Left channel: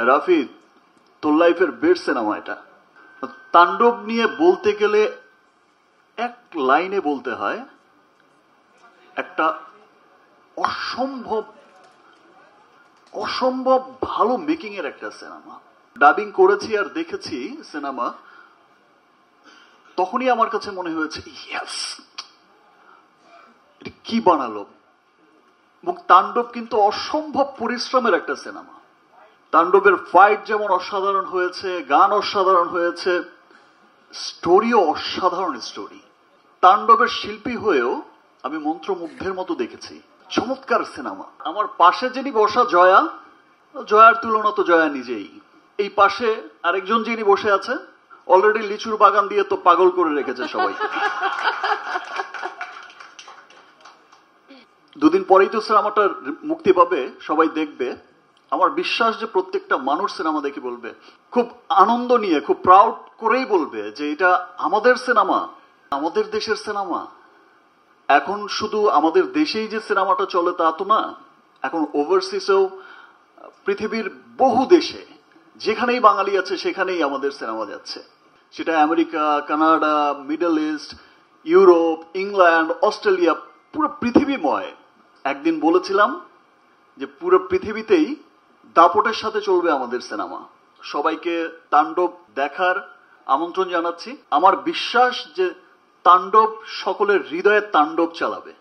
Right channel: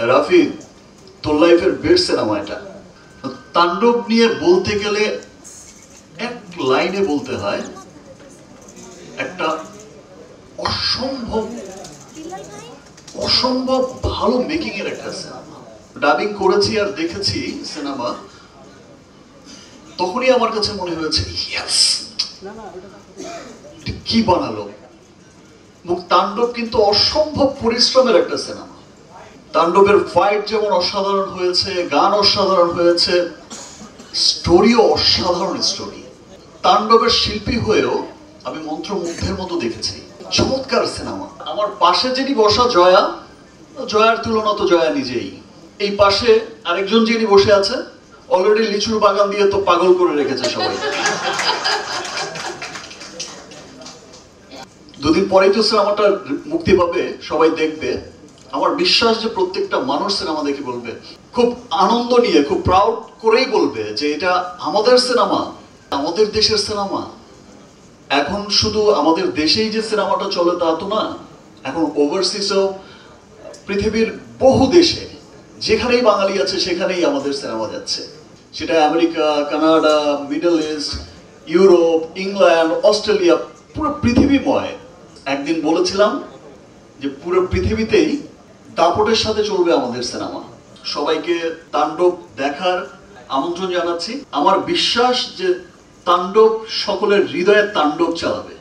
রাফি, তোর লাইফের best cinema এটা। তাণ্ডব নিয়ে বলতে গেলে এক লাইনে বলতে হয় একটা অসম্ভব অসম্ভব ভালো মেকিং এর একটা সিনেমা। ডাবিং করেছি আর দেখেছি সিনেমা, তখনই আমার কাছে মনে হয়েছে ইয়েস, কি বানালো। তাণ্ডব কিন্তু অসম্ভব পরিশ্রমের একটা সিনেমা। তাণ্ডবের ফাইট যেমন অসাধারণ হয়েছে, গান অসাধারণ হয়েছে, স্টোরিও অসাধারণ স্টোরি। তাণ্ডবের শিল্পী হয়েও আমি মন্ত্রমুগ্ধের মতো দেখেছি। চমৎকার সিনেমা। আমার পাশে যিনি বসা জয়া, জয়ার তুলনা তো জয়া নিজেই। এই পাশে আরেকজন যিনি বসে আছে, অলরেডি লিচুর বাগান দিয়ে তো পাগল করে রেখেছে সবাই। দুদিন পরেই তো সিনেমাটা মুক্তি পাবে, সবাই দেখবে। আমার বিশ্বাস যে প্রত্যেকটা মানুষ সিনেমা দেখে বলবে, খুব আনন্দ নিয়ে, খুব প্রাউড করেই বলবে যে এটা আমাদের সিনেমা, আমাদের দেশের সিনেমা। এখন শুধু আমাদের দেশেই যে সিনেমাটা চলে তা তো না, এখন ওভারসিজেও পৃথিবীর বহু দেশে যেখানেই বাঙালি আছে সেখানেই আমাদের সিনেমা যাচ্ছে। সেটা America, Canada, middle east, Europe, England, Australia, পুরো পৃথিবীময়। একদিন বলেছিলাম যে পুরো পৃথিবীতেই দাপটের সাথে চলবে আমাদের সিনেমা। সবাইকে তাণ্ডব দেখার আমন্ত্রণ জানাচ্ছি। আমার বিশ্বাস যে তাণ্ডব সকলের হৃদয়ে তাণ্ডব চালাবে।